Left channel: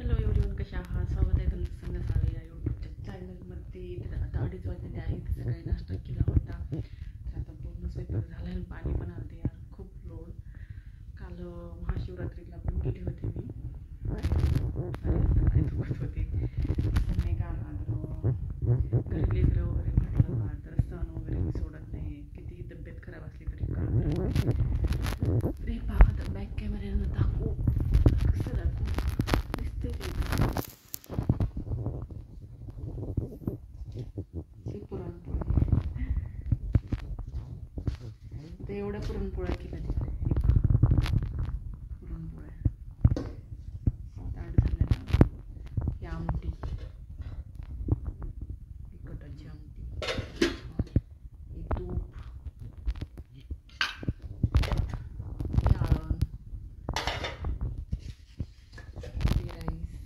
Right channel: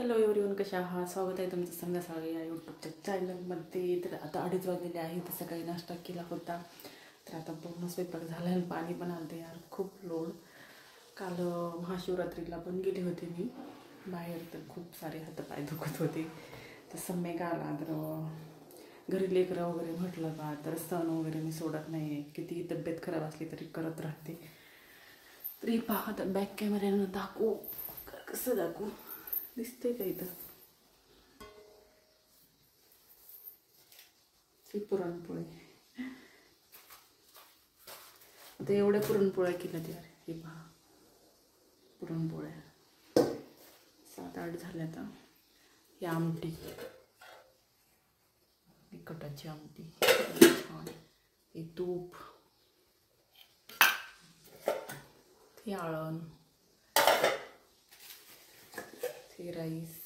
Hello everyone, कशा आहात? स्वागत आहे तुमचं संध्याकाळी या यूट्यूबच्या चॅनलमध्ये. तर आता 2:30 वाजलेले आहे. तर सकाळी नाश्ता केला होता. तर आता पूर्ण स्वयंपाक झाला आणि पाणी पण आलते यार, खूप लोड. काल महाशिवरात्रीला पण गेले होते मी बाहेर, खूप सारे हातपाय दुखत होते. सम्यक आला तर घरी लेकरं वगैरे म्हटलं का तर सण वगैरे मी सोडत नाही. कितीही तब्येत खराब असली तरी करत राहते. तरी पाहत बॅक कॅमेऱ्यानं दाखवू कसं दाखवू दिसते काही पुरणपोळी. आता एवढ्या पुरणपोळ्या केल्या त्या पुरणपोळ्या 7-8 झाल्या ना. ही आमटी, तिखटाची आमटी, हे तूप, हे आळण, हे राईस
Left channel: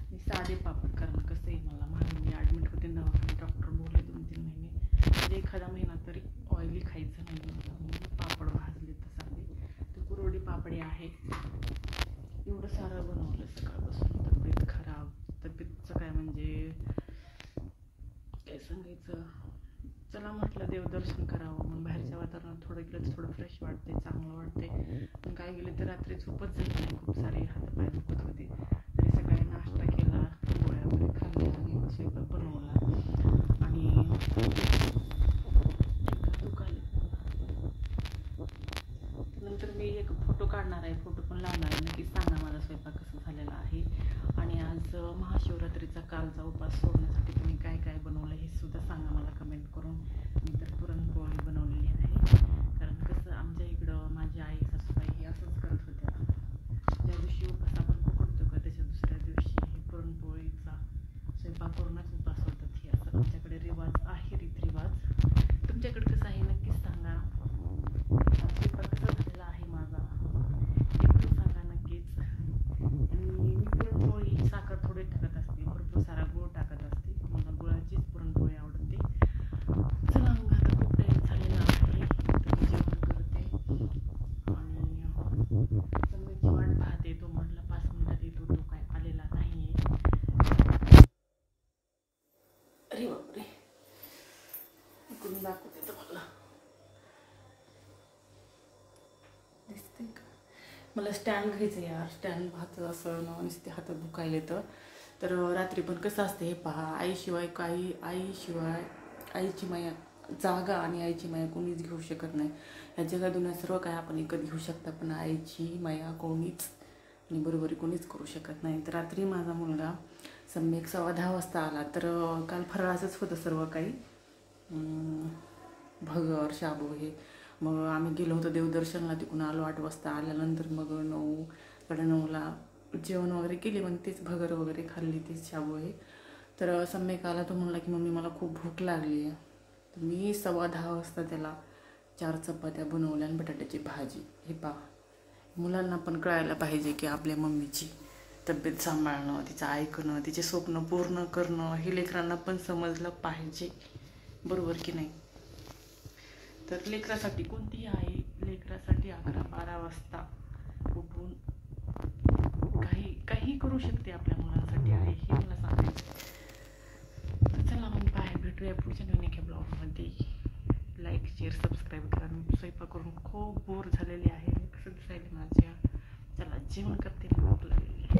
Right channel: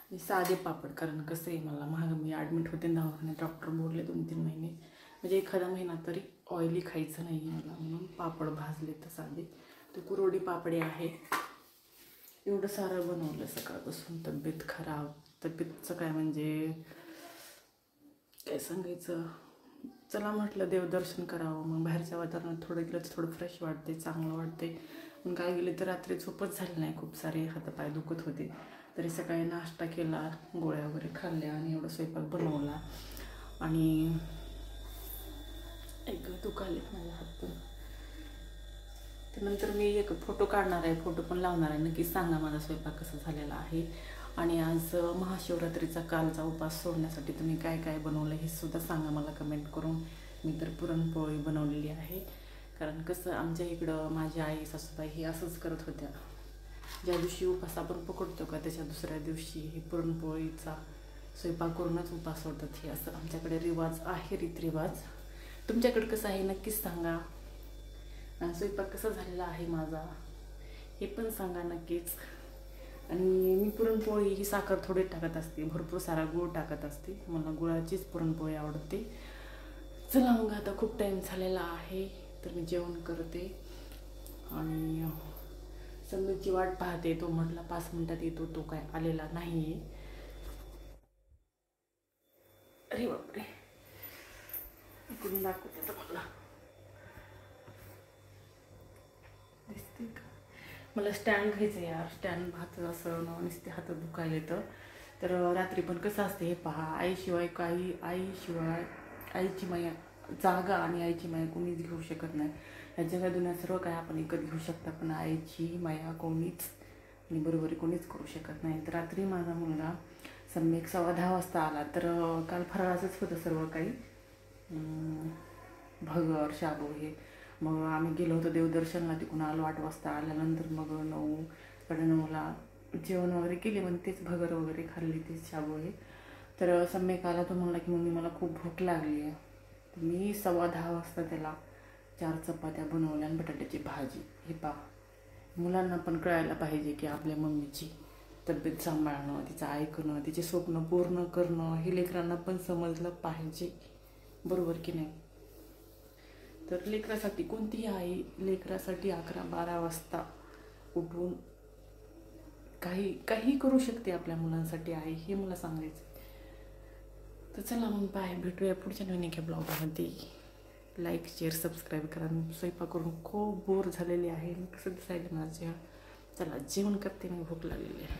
आणि साधे पापड. कारण कसं आहे मला मी ॲडमिट होते दवाखान्यात. डॉक्टर बोलले 2-3 महिने म्हणजे एखादा महिना तरी ऑइली खायचं नाही मला, म्हणून पापड भाजले तर साधे. ते कुरवडी पापडे आहे. एवढं सारं बनवलं सकाळपासून. तब्येत खराब, तब्येतचं काय म्हणजे काय सांगायचं. चला म्हटलं देवदर्शन करावं. मग बाहेरच्या वातावरणात थोडं गेलं तर थोडं फ्रेश वाटते, चांगलं वाटते. पण काय गेले तर रात्री झोपच झाली नाही. खूप सारे हातपाय दुखत होते. तरी सकाळी नाश्ता केला, गोळ्या वगैरे खाल्ल्या आणि एवढा स्वयंपाक बनवला. आणि एक दुखायलेत माझ्या हातपाय. त्यानंतर मी एक फोटो काढणार आहे, फोटो पण लावणार आहे. नक्की सांगा माझा स्वयंपाक कसा झालेला आहे. आणि आज महाशिवरात्रीचा कालचा उपास सोडण्यासाठी तुम्ही काय काय बनवलं हे सुद्धा सांगा मला कमेंट करून. मी तर पुरणपोळी बनवलेली आहे. कारण कसं आमच्या इकडं माझी आई सासूबाई हे असंच करत होत्या. ज्या दिवशी उपास आपण पकडतो का त्याच्या दुसऱ्या दिवशी हे पुरणपोळीचा स्वयंपाक करूनच उपास सोडतात. हे असं आमच्याकडे रिवाज आहे, रीतरिवाज. तुमच्याकडे कसं आहे नक्कीच सांगा. स्वयंपाक कसा झालेला आहे माझा हे पण सांगा नक्कीच. आणि मी पुरणपोळी ही साखर थोडी टाकत असते, भरपूर सारा गूळ टाकत असते. मला गुळाचीच पुरणपोळी आवडते. चला मग आता खूप टाईम झालेला आहे, तर मी जेवण करते. आणि सम्यकची वाट पाहते. तो म्हटला 5 मिनिटात येतो, तो काय आलेला नाही आहे. अरे बापरे, इकडून दाखवते तुम्हाला, दिसते का? मला स्टँड घ्यायचं यार. स्टँड हात असं नुसते हातात दुखायला येतं. तर रात्री पण कसं असते हे पहा, आईशिवाय आईची माया जागा आणि आईची माया कोणीच घेऊ शकत नाही. या जगा दुनिया सर्व काय आपण विकत घेऊ शकता, पण आईची माया कोणीच आणि बरोबरी कोणीच करू शकत नाही. तर रात्री माझा मुलगा सम्यक 10:15 वाजता आला. तर काल फराळाचंच होतं सर्व काही, भगर, शाबू हे. मग आम्ही गेलो होतो देवदर्शनला, तिकडून आलो 8 वाजता. आल्यानंतर मग 9-9:30ला जेवण वगैरे केले. मग तेच भगर वगैरे खाल्ली, तेच शाबू हे. तर सम्यक आला, तो म्हणला की मम्मी मला खूप भूक लागली आहे. तर मी 10:15 वाजता त्याला 4 चपात्या बनवल्या आणि बटाट्याची भाजी. हे पहा, मुलांना पण कळायला पाहिजे की आपल्या मम्मीची तब्येत सांभाळणं, तिचं ऐकणं, तिचे स्वप्न पूर्ण करणं हे लेकरांना पण समजलं पाहिजे, बरोबर की नाही? तर लेकरासाठी कोणतीही आई लेकरासाठी 11-12 वाजता उठून काही करू शकते आपल्या मुलांसाठी आहे, हे मला सांगायचं. तर चला मग भेटूया पुढच्या नवीन ब्लॉगमध्ये. लाईक, शेअर, सबस्क्राईब करा. स्वयंपाक करून खूप बोर झालेली आहे. कसं दिसायला माझ्या. चला जेवण करते, मी भूक लागलेली आहे.